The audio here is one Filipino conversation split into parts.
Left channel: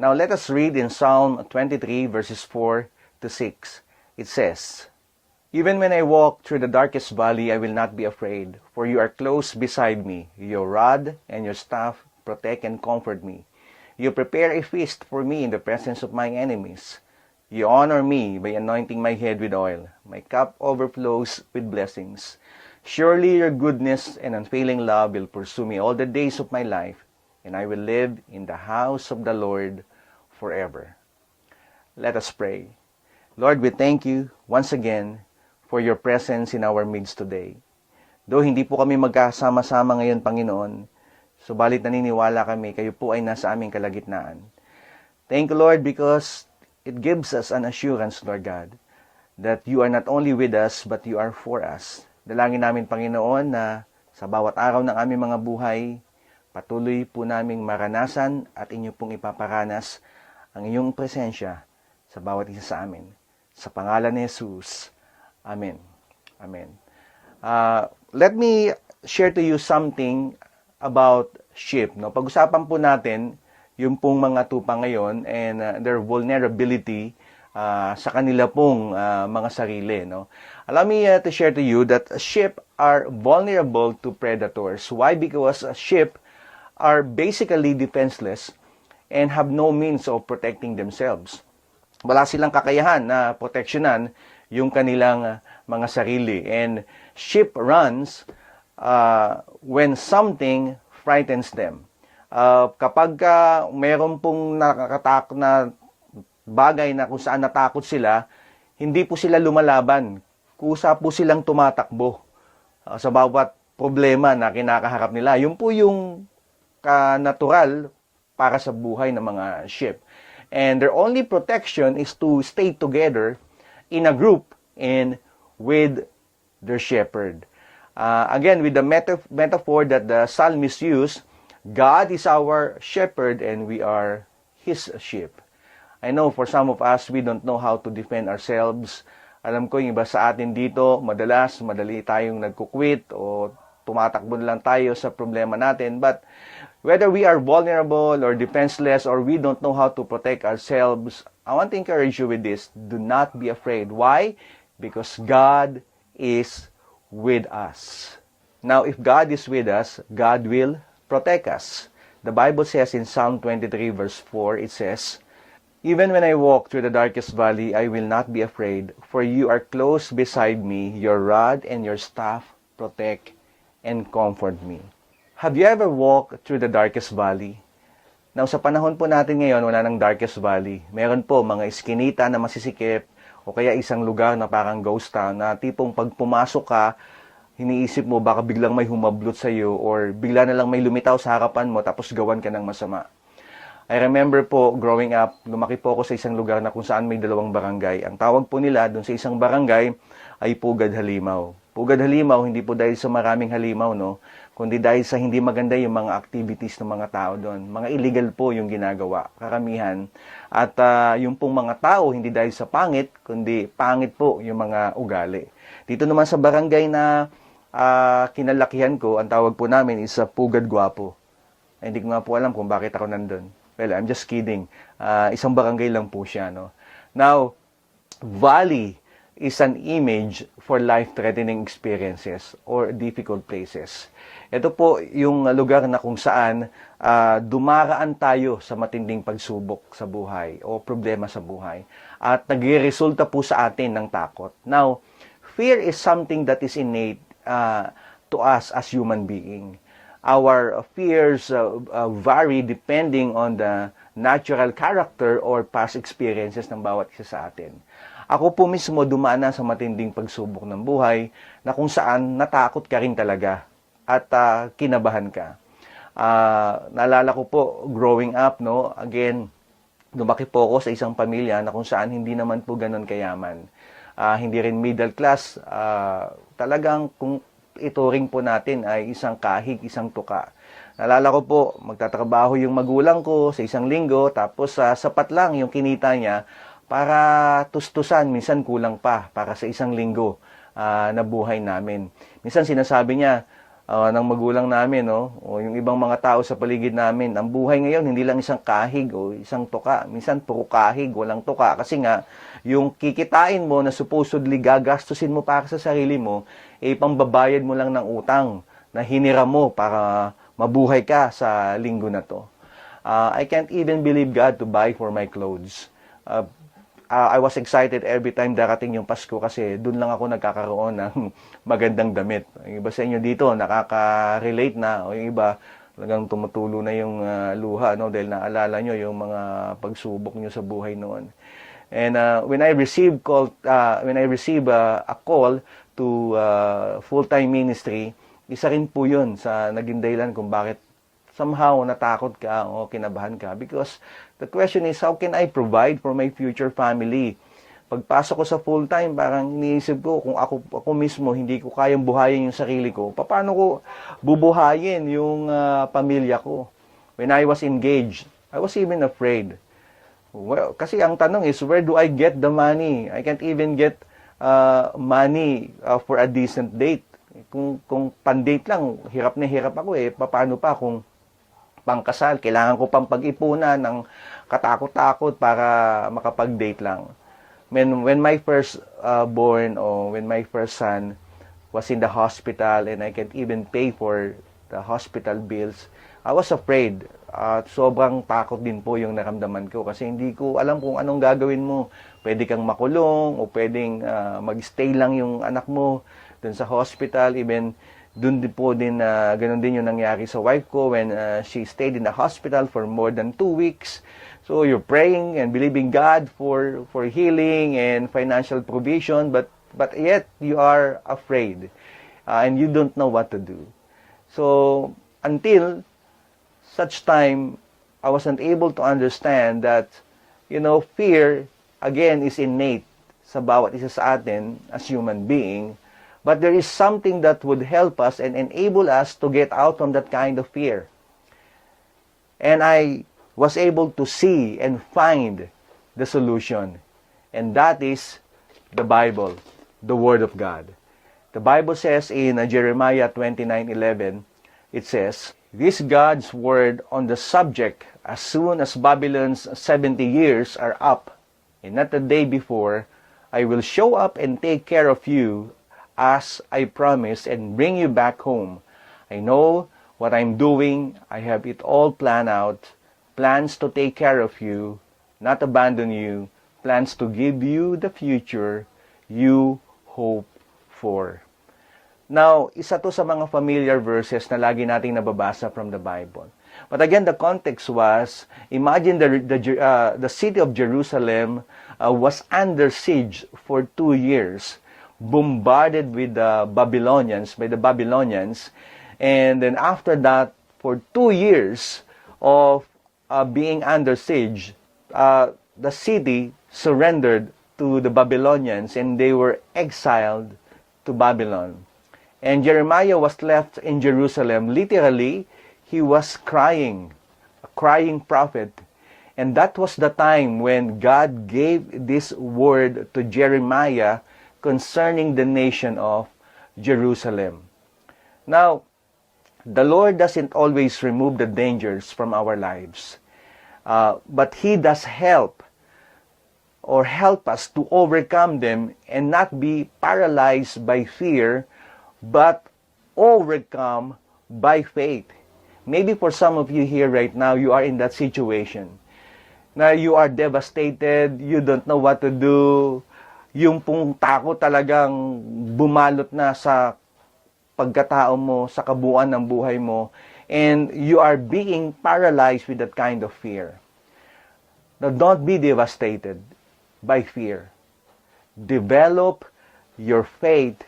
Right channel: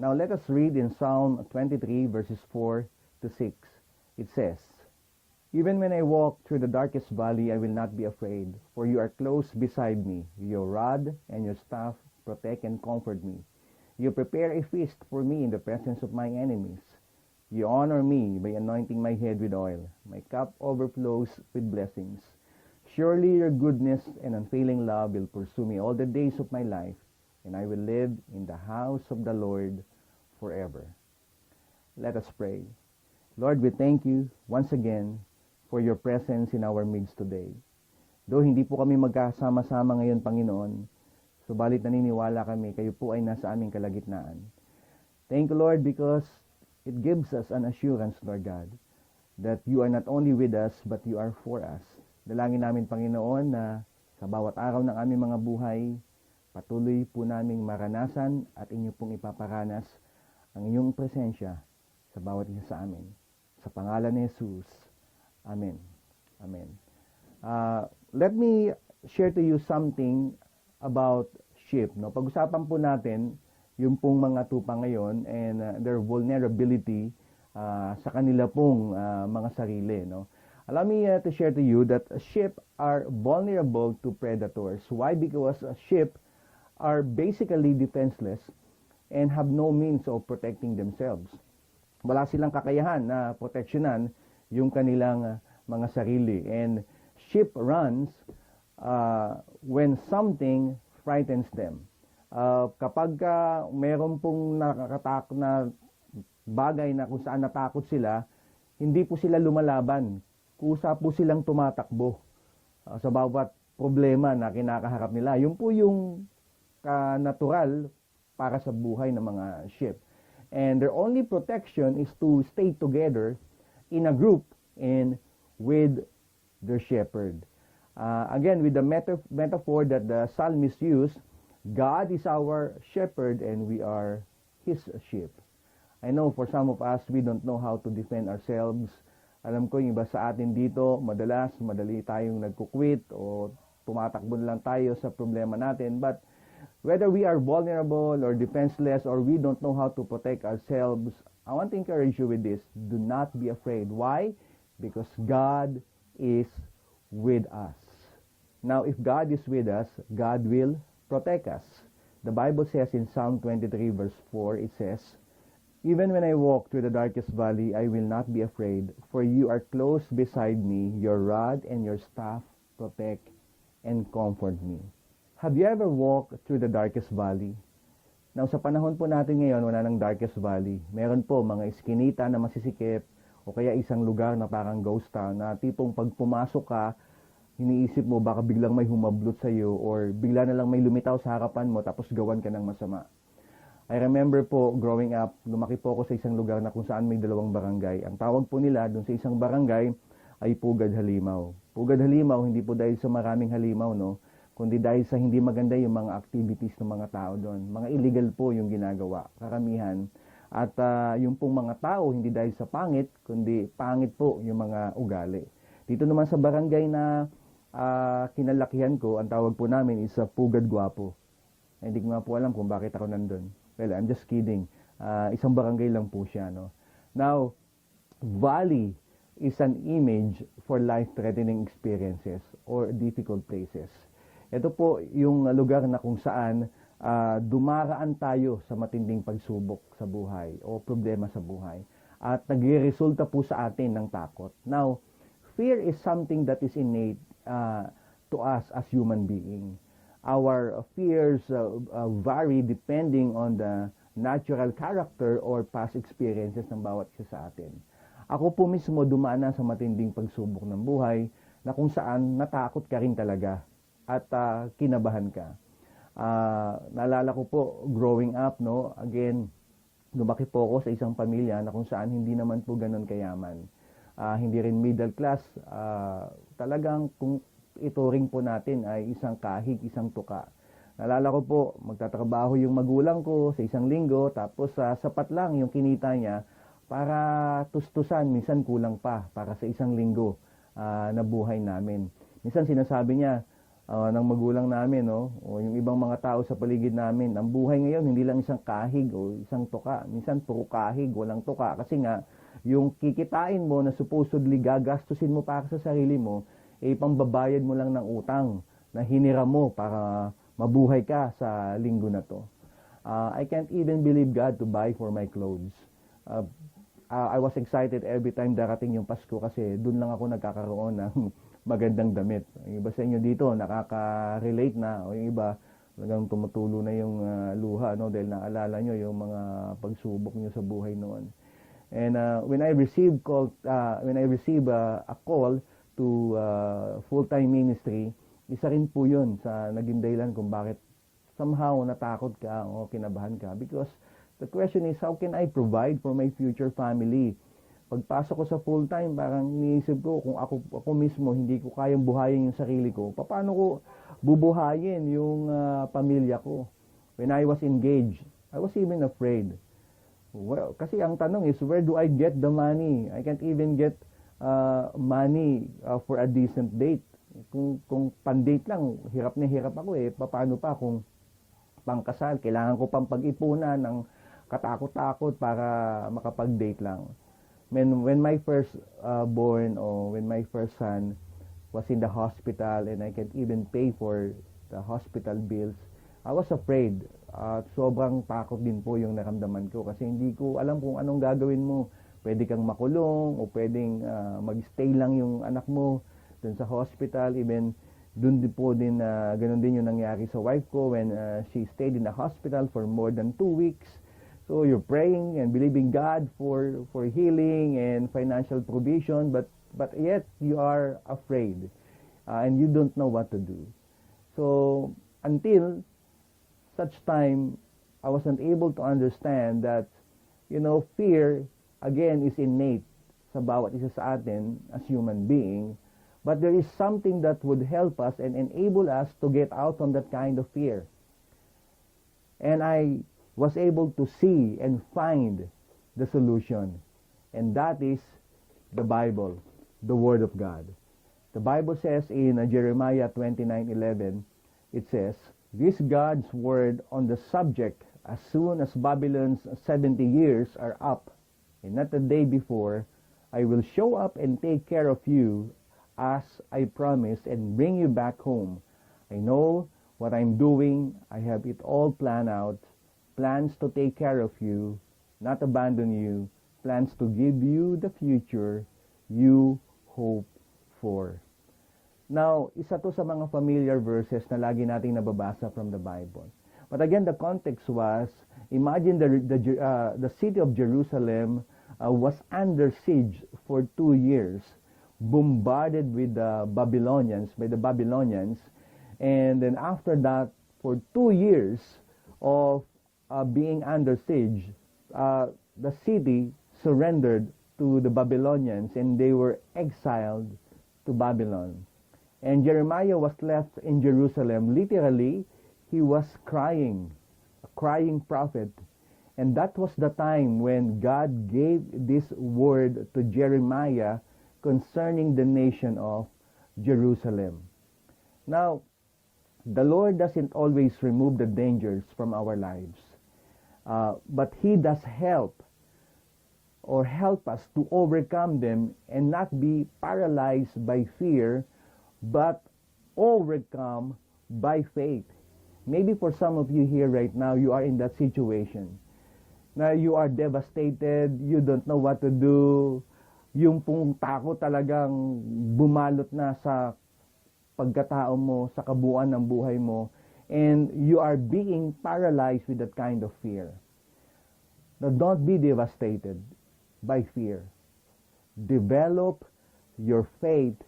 Now let us read in Psalm 23 verses 4 to 6. It says, Even when I walk through the darkest valley, I will not be afraid, for you are close beside me. Your rod and your staff protect and comfort me. You prepare a feast for me in the presence of my enemies. You honor me by anointing my head with oil. My cup overflows with blessings. Surely your goodness and unfailing love will pursue me all the days of my life, and I will live in the house of the Lord forever. Let us pray. Lord, we thank you once again for your presence in our midst today. Though hindi po kami magkasama-sama ngayon, Panginoon, subalit naniniwala kami, kayo po ay nasa aming kalagitnaan. Thank you, Lord, because it gives us an assurance, Lord God, that you are not only with us, but you are for us. Dalangin namin, Panginoon, na sa bawat araw ng aming mga buhay, patuloy po naming maranasan at inyo pong ipaparanas ang inyong presensya sa bawat isa sa amin. Sa pangalan ni Jesus. Amen. Amen. Uh, let me share to you something about sheep. No? Pag-usapan po natin yung pong mga tupa ngayon and uh, their vulnerability uh, sa kanila pong uh, mga sarili. No? Allow me uh, to share to you that sheep are vulnerable to predators. Why? Because sheep are basically defenseless and have no means of protecting themselves. Wala silang kakayahan na proteksyonan yung kanilang uh, mga sarili. And sheep runs uh, when something frightens them. Uh, kapag uh, meron pong nakakatak na bagay na kung saan natakot sila, hindi po sila lumalaban. Kusa po silang tumatakbo uh, sa bawat problema na kinakaharap nila. Yun po yung ka-natural para sa buhay ng mga sheep. And their only protection is to stay together in a group and with their shepherd. Uh, again, with the meta- metaphor that the psalmist used, God is our shepherd and we are His sheep. I know for some of us, we don't know how to defend ourselves. Alam ko yung iba sa atin dito, madalas, madali tayong nagkukwit o tumatakbo lang tayo sa problema natin. But whether we are vulnerable or defenseless or we don't know how to protect ourselves, I want to encourage you with this. Do not be afraid. Why? Because God is with us. Now, if God is with us, God will protect us. The Bible says in Psalm 23 verse 4, it says, Even when I walk through the darkest valley, I will not be afraid, for you are close beside me, your rod and your staff protect and comfort me. Have you ever walked through the darkest valley? Now, sa panahon po natin ngayon, wala ng darkest valley. Meron po mga iskinita na masisikip, o kaya isang lugar na parang ghost town, na tipong pag pumasok ka, iniisip mo baka biglang may humablot sa iyo or bigla na lang may lumitaw sa harapan mo tapos gawan ka ng masama. I remember po growing up, lumaki po ako sa isang lugar na kung saan may dalawang barangay. Ang tawag po nila doon sa isang barangay ay Pugad Halimaw. Pugad Halimaw, hindi po dahil sa maraming halimaw, no? kundi dahil sa hindi maganda yung mga activities ng mga tao doon. Mga illegal po yung ginagawa, karamihan. At uh, yung pong mga tao, hindi dahil sa pangit, kundi pangit po yung mga ugali. Dito naman sa barangay na uh, kinalakihan ko, ang tawag po namin is uh, Pugad Guapo. Eh, hindi ko nga po alam kung bakit ako nandun. Well, I'm just kidding. Uh, isang barangay lang po siya. No? Now, valley is an image for life-threatening experiences or difficult places. Ito po yung lugar na kung saan uh, dumaraan tayo sa matinding pagsubok sa buhay o problema sa buhay. At nagre-resulta po sa atin ng takot. Now, fear is something that is innate uh, to us as human being. Our fears uh, uh, vary depending on the natural character or past experiences ng bawat isa sa atin. Ako po mismo dumaan na sa matinding pagsubok ng buhay na kung saan natakot ka rin talaga at uh, kinabahan ka. Uh, naalala ko po growing up no, again lumaki po ako sa isang pamilya na kung saan hindi naman po ganun kayaman. Uh, hindi rin middle class, uh, talagang kung ituring po natin ay isang kahig, isang tuka. Nalala ko po, magtatrabaho yung magulang ko sa isang linggo, tapos uh, sapat lang yung kinita niya para tustusan, minsan kulang pa para sa isang linggo uh, na buhay namin. Minsan sinasabi niya, ah, ng magulang namin, no? O yung ibang mga tao sa paligid namin. Ang buhay ngayon, hindi lang isang kahig o isang tuka. Minsan, puro kahig, walang tuka. Kasi nga, yung kikitain mo na supposedly gagastusin mo para sa sarili mo, eh, pambabayad mo lang ng utang na hinira mo para mabuhay ka sa linggo na to. Uh, I can't even believe God to buy for my clothes. Uh, uh, I was excited every time darating yung Pasko kasi doon lang ako nagkakaroon ng magandang damit. Yung iba sa inyo dito nakaka-relate na o yung iba talagang tumutulo na yung uh, luha no dahil naalala nyo yung mga pagsubok nyo sa buhay noon. And uh, when I received call uh, when I receive uh, a call to uh, full-time ministry, isa rin po 'yun sa naging dahilan kung bakit somehow natakot ka o kinabahan ka because the question is how can I provide for my future family? Pagpasok ko sa full-time, parang iniisip ko kung ako, ako mismo hindi ko kayang buhayin yung sarili ko, paano ko bubuhayin yung uh, pamilya ko? When I was engaged, I was even afraid. Well, kasi ang tanong is, where do I get the money? I can't even get uh, money uh, for a decent date. Kung, kung pan-date lang, hirap na hirap ako eh. Paano pa kung pangkasal? Kailangan ko pang pag-ipunan ng katakot-takot para makapag-date lang when when my first uh, born or when my first son was in the hospital and I can't even pay for the hospital bills, I was afraid. At uh, sobrang takot din po yung naramdaman ko kasi hindi ko alam kung anong gagawin mo. Pwede kang makulong o pwedeng uh, mag-stay lang yung anak mo dun sa hospital. Even dun din po din, uh, ganun din yung nangyari sa wife ko when uh, she stayed in the hospital for more than two weeks. So you're praying and believing God for for healing and financial provision, but but yet you are afraid uh, and you don't know what to do. So until such time, I wasn't able to understand that you know fear again is innate sa bawat isa sa atin as human being. But there is something that would help us and enable us to get out from that kind of fear. And I was able to see and find the solution. And that is the Bible, the Word of God. The Bible says in Jeremiah 29:11, it says, "This God's word on the subject as soon as Babylon's 70 years are up, and not the day before, I will show up and take care of you as I promised and bring you back home. I know what I'm doing. I have it all planned out plans to take care of you, not abandon you, plans to give you the future you hope for. Now, isa to sa mga familiar verses na lagi nating nababasa from the Bible. But again, the context was, imagine the, the, uh, the city of Jerusalem uh, was under siege for two years, bombarded with the Babylonians, by the Babylonians. And then after that, for two years of uh, being under siege, uh, the city surrendered to the Babylonians and they were exiled to Babylon. And Jeremiah was left in Jerusalem. Literally, he was crying, a crying prophet. And that was the time when God gave this word to Jeremiah concerning the nation of Jerusalem. Now, the Lord doesn't always remove the dangers from our lives. Uh, but He does help or help us to overcome them and not be paralyzed by fear, but overcome by faith. Maybe for some of you here right now, you are in that situation. Now you are devastated, you don't know what to do, yung pong takot talagang bumalot na sa pagkatao mo, sa kabuuan ng buhay mo, and you are being paralyzed with that kind of fear. Now, don't be devastated by fear. Develop your faith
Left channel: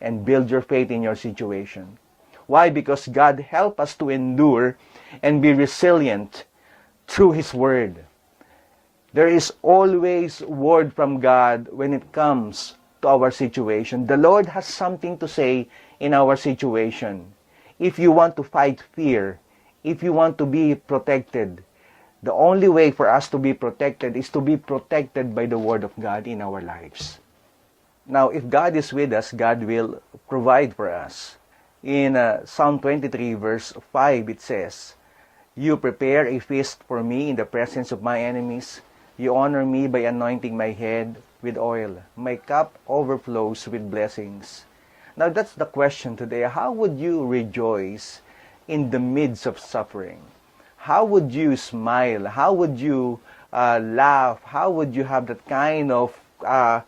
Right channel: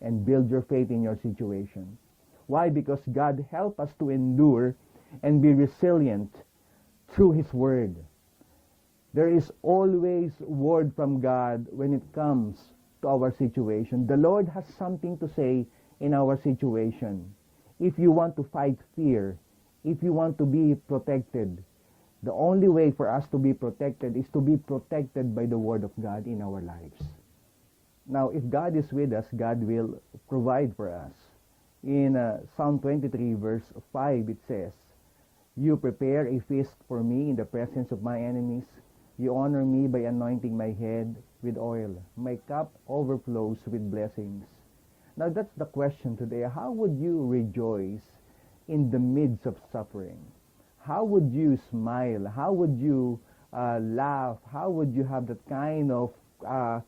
and build your faith in your situation. Why? Because God help us to endure and be resilient through His Word. There is always word from God when it comes to our situation. The Lord has something to say in our situation if you want to fight fear, if you want to be protected, the only way for us to be protected is to be protected by the Word of God in our lives. Now, if God is with us, God will provide for us. In uh, Psalm 23 verse 5 it says, You prepare a feast for me in the presence of my enemies. You honor me by anointing my head with oil. My cup overflows with blessings. Now that's the question today. How would you rejoice in the midst of suffering? How would you smile? How would you uh, laugh? How would you have that kind of uh,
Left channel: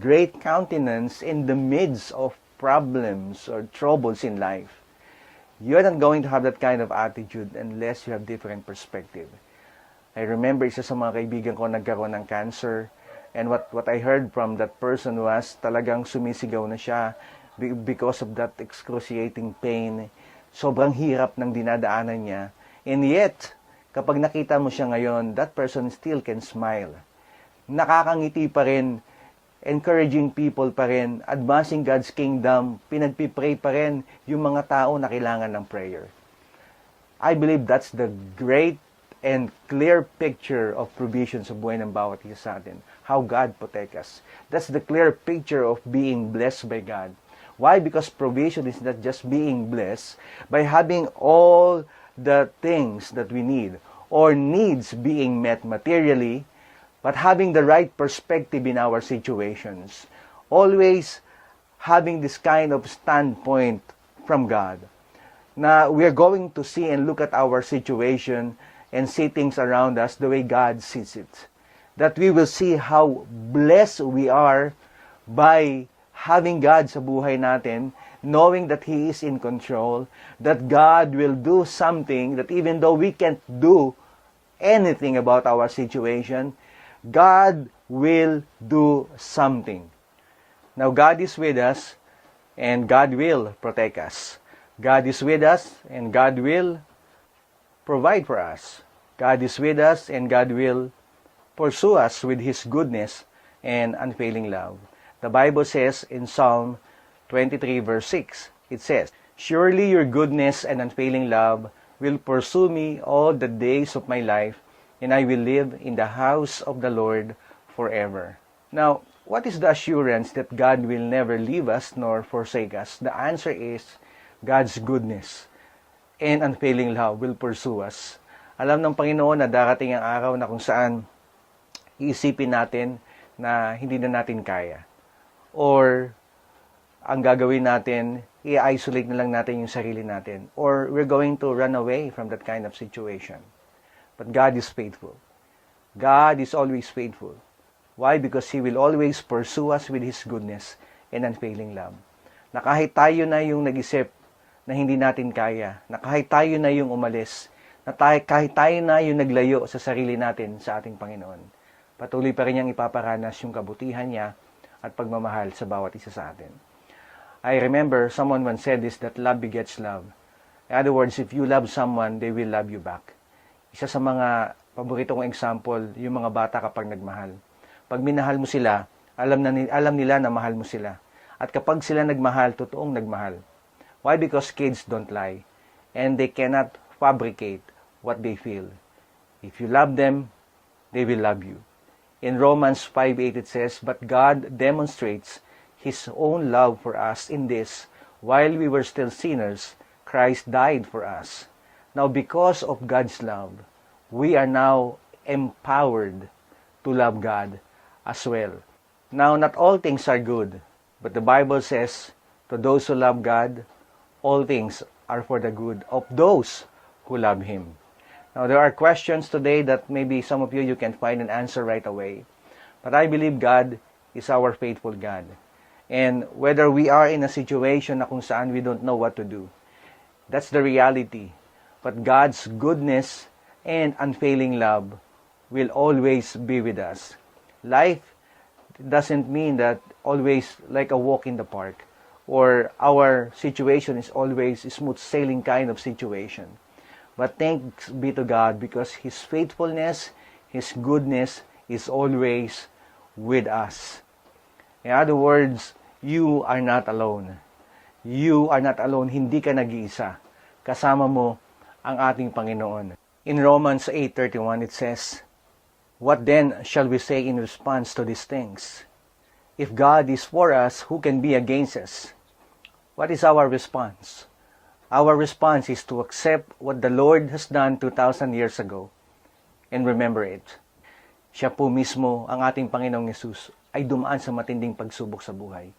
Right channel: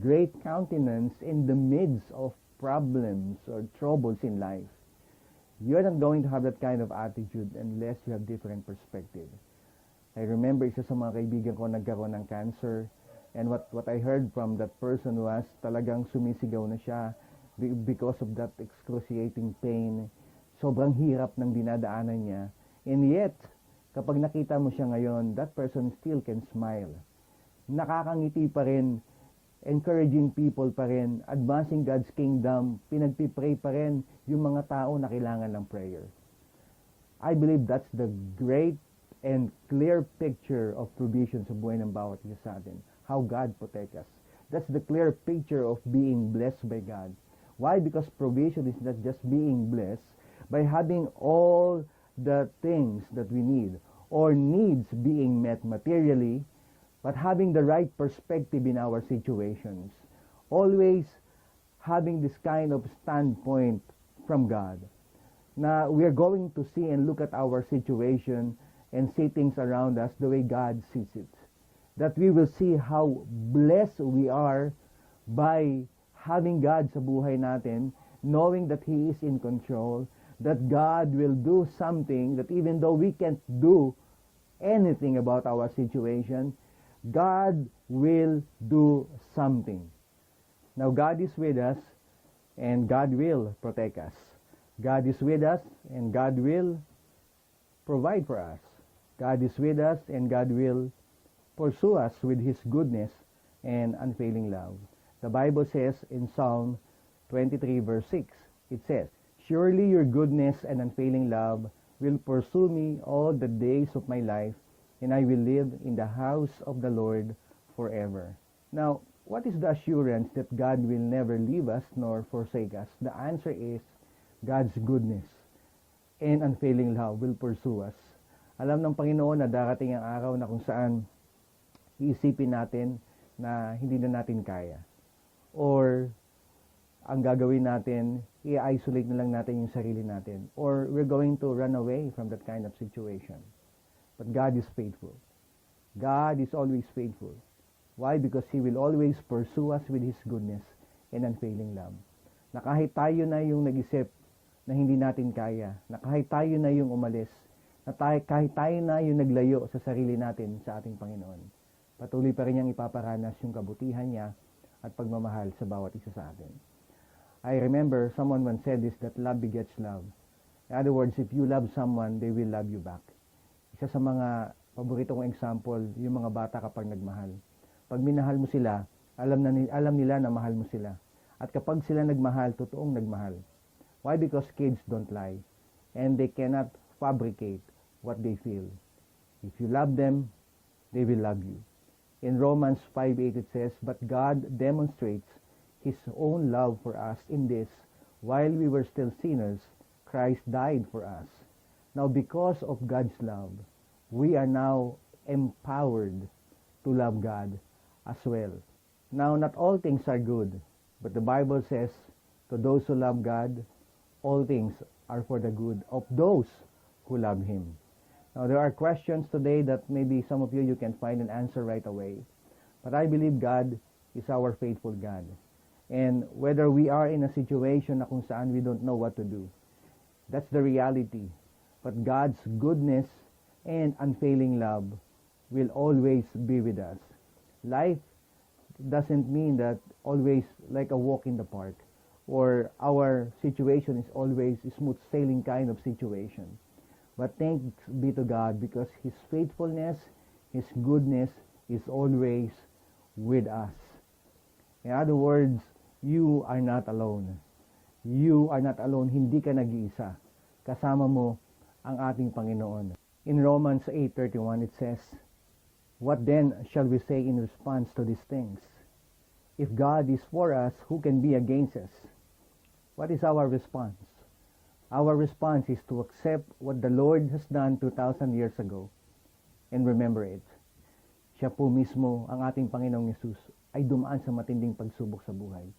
great countenance in the midst of problems or troubles in life? You're not going to have that kind of attitude unless you have different perspective. I remember isa sa mga kaibigan ko nagkaroon ng cancer and what what I heard from that person was talagang sumisigaw na siya be- because of that excruciating pain. Sobrang hirap ng dinadaanan niya. And yet, kapag nakita mo siya ngayon, that person still can smile. Nakakangiti pa rin, encouraging people pa rin, advancing God's kingdom, pinagpipray pa rin yung mga tao na kailangan ng prayer. I believe that's the great and clear picture of provision sa buhay ng bawat isa sa atin. How God protect us. That's the clear picture of being blessed by God. Why? Because provision is not just being blessed by having all the things that we need or needs being met materially, but having the right perspective in our situations. Always having this kind of standpoint from God na we are going to see and look at our situation and see things around us the way God sees it. That we will see how blessed we are by having God sa buhay natin, knowing that He is in control, that God will do something that even though we can't do anything about our situation, God will do something. Now, God is with us, and God will protect us. God is with us, and God will provide for us. God is with us, and God will pursue us with His goodness and unfailing love. The Bible says in Psalm 23, verse 6, it says, Surely your goodness and unfailing love will pursue me all the days of my life, and I will live in the house of the Lord forever. Now, what is the assurance that God will never leave us nor forsake us? The answer is God's goodness and unfailing love will pursue us. Alam ng Panginoon na darating ang araw na kung saan iisipin natin na hindi na natin kaya. Or ang gagawin natin, i-isolate na lang natin yung sarili natin. Or we're going to run away from that kind of situation. But God is faithful. God is always faithful. Why? Because He will always pursue us with His goodness and unfailing love. Na kahit tayo na yung nag-isip na hindi natin kaya, na kahit tayo na yung umalis, na tayo, kahit tayo na yung naglayo sa sarili natin sa ating Panginoon, patuloy pa rin niyang ipaparanas yung kabutihan niya at pagmamahal sa bawat isa sa atin. I remember someone once said this, that love begets love. In other words, if you love someone, they will love you back. Isa sa mga paborito kong example, yung mga bata kapag nagmahal. Pag minahal mo sila, alam, na, alam nila na mahal mo sila. At kapag sila nagmahal, totoong nagmahal. Why? Because kids don't lie. And they cannot fabricate what they feel. If you love them, they will love you. In Romans 5.8 it says, But God demonstrates His own love for us in this, while we were still sinners, Christ died for us. Now, because of God's love, we are now empowered to love God as well. Now, not all things are good, but the Bible says, to those who love God, all things are for the good of those who love Him. Now, there are questions today that maybe some of you, you can find an answer right away. But I believe God is our faithful God. And whether we are in a situation na kung saan we don't know what to do, that's the reality. But God's goodness and unfailing love will always be with us. Life doesn't mean that always like a walk in the park or our situation is always smooth sailing kind of situation. But thanks be to God because His faithfulness, His goodness is always with us. In other words, you are not alone. You are not alone. Hindi ka nag-iisa. Kasama mo ang ating Panginoon. In Romans 8.31 it says, What then shall we say in response to these things? If God is for us, who can be against us? What is our response? Our response is to accept what the Lord has done 2,000 years ago and remember it. Siya po mismo, ang ating Panginoong Yesus, ay dumaan sa matinding pagsubok sa buhay.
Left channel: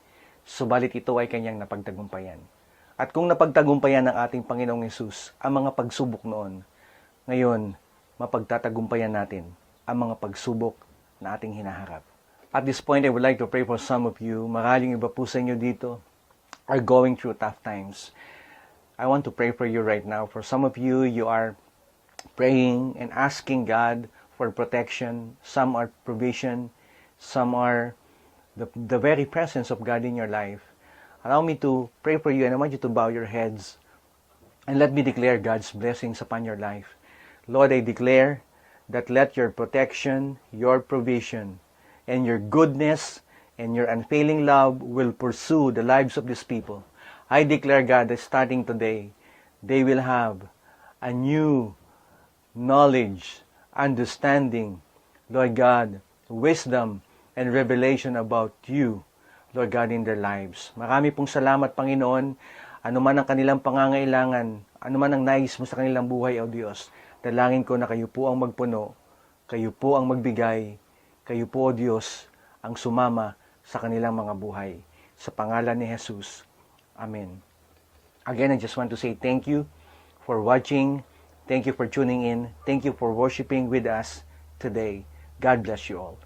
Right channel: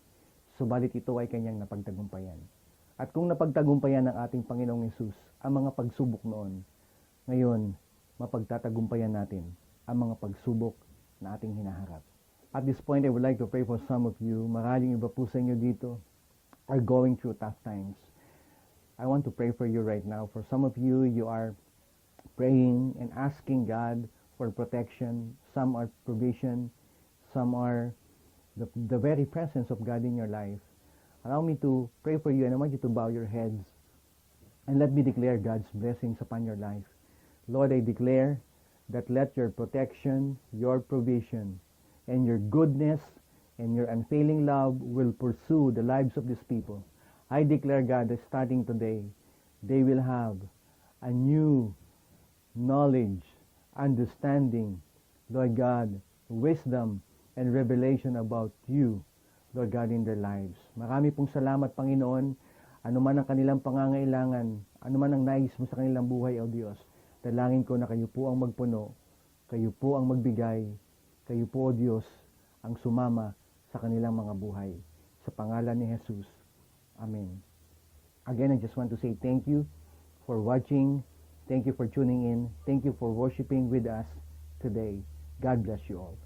Subalit ito ay kanyang napagtagumpayan. At kung napagtagumpayan ng ating Panginoong Yesus ang mga pagsubok noon, ngayon, mapagtatagumpayan natin ang mga pagsubok na ating hinaharap. At this point, I would like to pray for some of you. Maraming iba po sa inyo dito are going through tough times. I want to pray for you right now. For some of you, you are praying and asking God for protection. Some are provision. Some are the, the very presence of God in your life. Allow me to pray for you and I want you to bow your heads and let me declare God's blessings upon your life. Lord, I declare that let your protection, your provision, and your goodness and your unfailing love will pursue the lives of these people. I declare, God, that starting today, they will have a new knowledge, understanding, Lord God, wisdom, and revelation about you, Lord God, in their lives. Marami pong salamat, Panginoon. Ano man ang kanilang pangangailangan, ano man ang nais mo sa kanilang buhay, O Diyos, dalangin ko na kayo po ang magpuno, kayo po ang magbigay, kayo po, O Diyos, ang sumama sa kanilang mga buhay. Sa pangalan ni Jesus. Amen. Again, I just want to say thank you for watching. Thank you for tuning in. Thank you for worshiping with us today. God bless you all.